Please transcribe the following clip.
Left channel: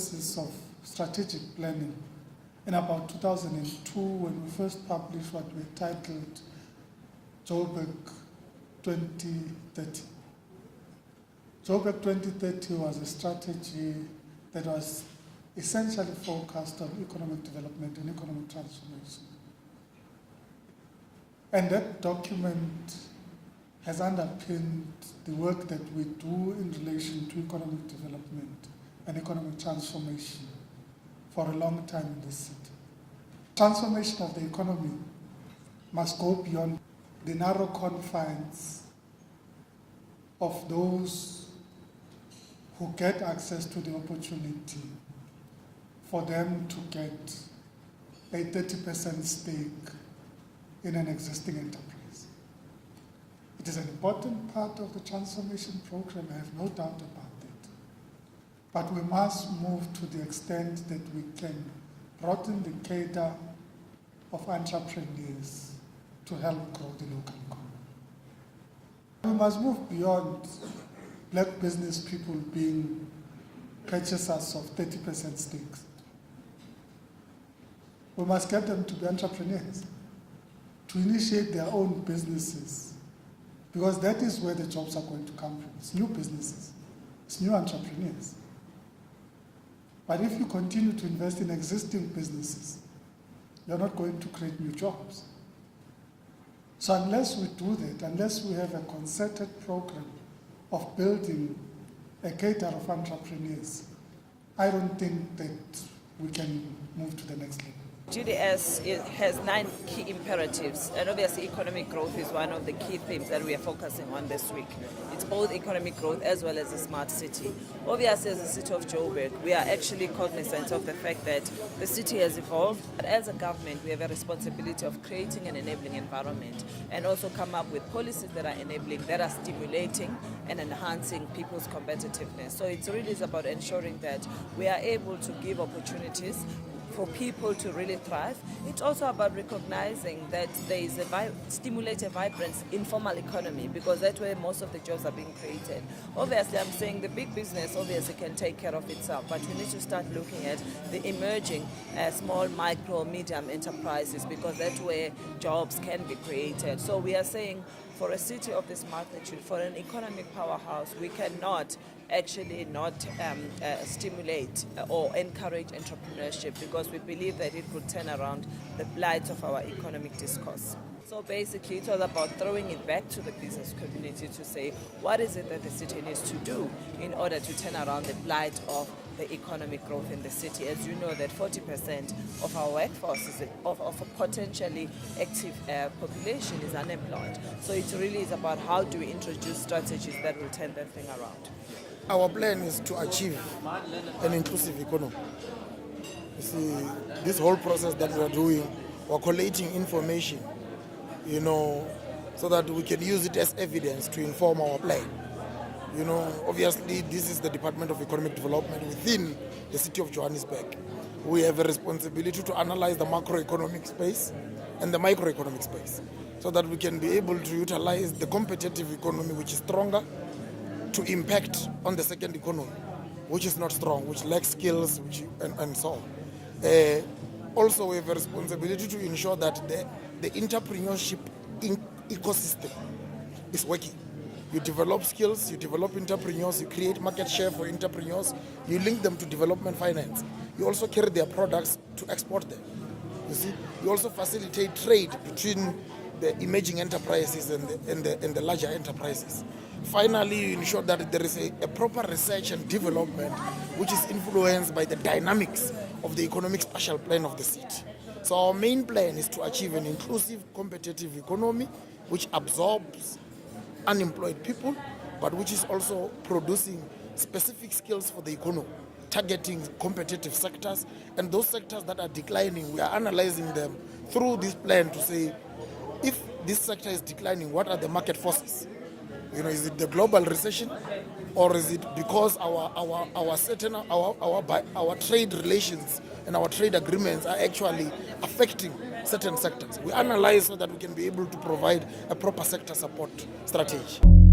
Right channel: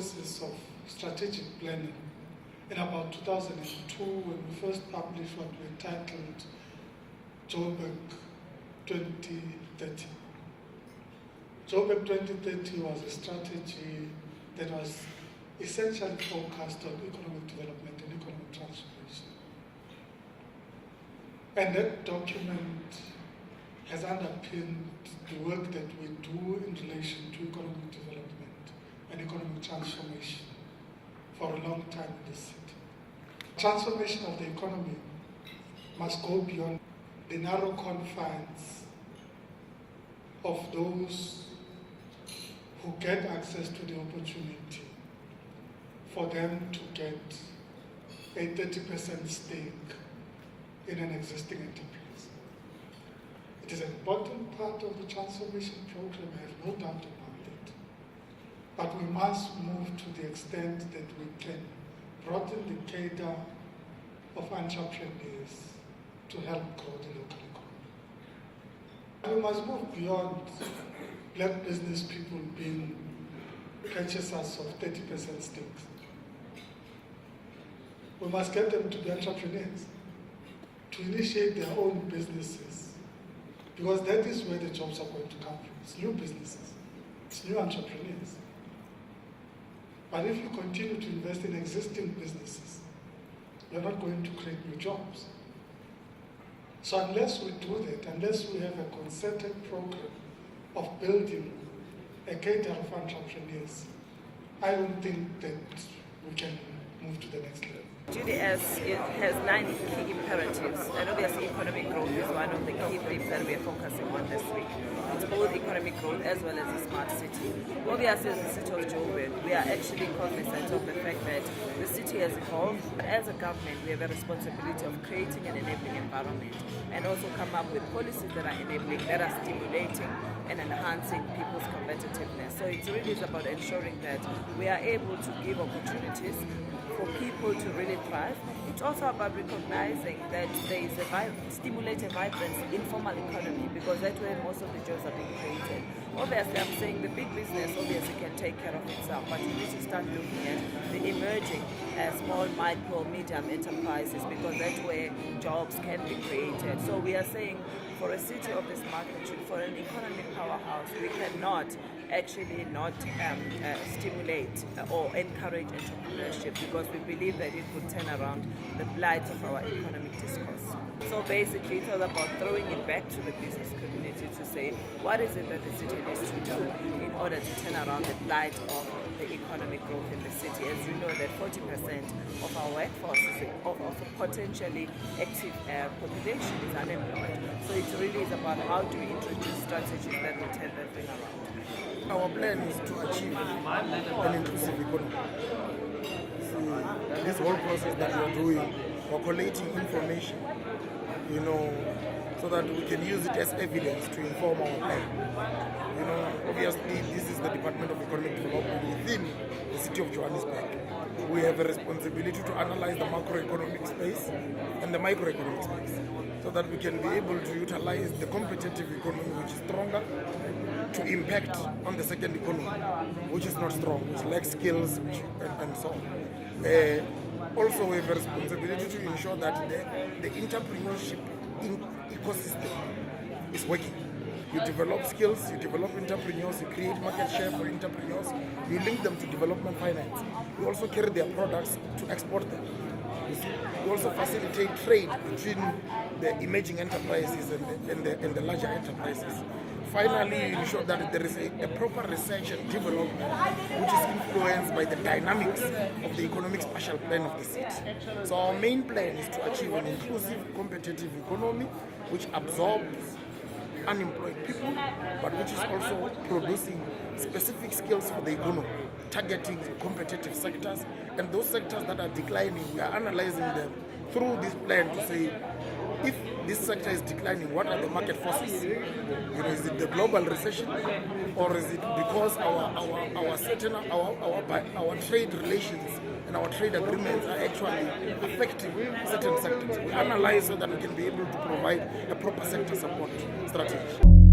processes of strategic planning in about 2002 when we first published what we titled Joburg 2030. Joburg 2030 was a strategy that was essentially focused on economic development and economic transformation. And that document has underpinned the work that we do in relation to economic development and economic transformation for a long time in this city. Transformation of the economy must go beyond the narrow confines of those who get access to the opportunity for them to get a 30% stake in an existing enterprise. It is an important part of the transformation program, I have no doubt about it. But we must move to the extent that we can broaden the cadre of entrepreneurs to help grow the local economy. We must move beyond black business people being purchasers of 30% stakes. We must get them to be entrepreneurs, to initiate their own businesses, because that is where the jobs are going to come from. It's new businesses, it's new entrepreneurs. But if you continue to invest in existing businesses, you're not going to create new jobs. So unless we do that, unless we have a concerted program of building a cadre of entrepreneurs, I don't think that we can move to the next level. GDS has 9 key imperatives, and obviously economic growth is one of the key themes that we are focusing on this week. It's both economic growth as well as a smart city. Obviously, as the city of Joburg, we are actually cognizant of the fact that the city has evolved. But as a government, we have a responsibility of creating an enabling environment and also come up with policies that are enabling, that are stimulating and enhancing people's competitiveness. So it really is about ensuring that we are able to give opportunities for people to really thrive. It's also about recognizing that there is stimulate a vibrant informal economy, because that's where most of the jobs are being created. Obviously, I'm saying the big business obviously can take care of itself, but you need to start looking at the emerging small, micro, medium enterprises, because that's where jobs can be created. So we are saying for a city of this magnitude, for an economic powerhouse, we cannot actually not stimulate or encourage entrepreneurship, because we believe that it could turn around the blight of our economic discourse. So basically it was about throwing it back to the business community to say, what is it that the city needs to do in order to turn around the blight of the economic growth in the city? As you know, that 40% of our workforce of a potentially active population is unemployed. So it really is about how do we introduce strategies that will turn that thing around. Our plan is to achieve an inclusive economy. You see, this whole process that we are doing, we're collating information, so that we can use it as evidence to inform our plan. Obviously, this is the Department of Economic Development within the city of Johannesburg. We have a responsibility to analyze the macroeconomic space and the microeconomic space, so that we can be able to utilize the competitive economy, which is stronger, to impact on the second economy, which is not strong, which lacks skills, and so on. Also, we have a responsibility to ensure that the entrepreneurship ecosystem is working. You develop skills, you develop entrepreneurs, you create market share for entrepreneurs, you link them to development finance. You also carry their products to export them. You see, you also facilitate trade between the emerging enterprises and the larger enterprises. Finally, you ensure that there is a proper research and development which is influenced by the dynamics of the economic spatial plan of the city. So our main plan is to achieve an inclusive, competitive economy which absorbs unemployed people, but which is also producing specific skills for the economy, targeting competitive sectors, and those sectors that are declining, we are analyzing them through this plan to say, if this sector is declining, what are the market forces? Is it the global recession, or is it because our trade relations and our trade agreements are actually affecting certain sectors? We analyze so that we can be able to provide a proper sector support strategy.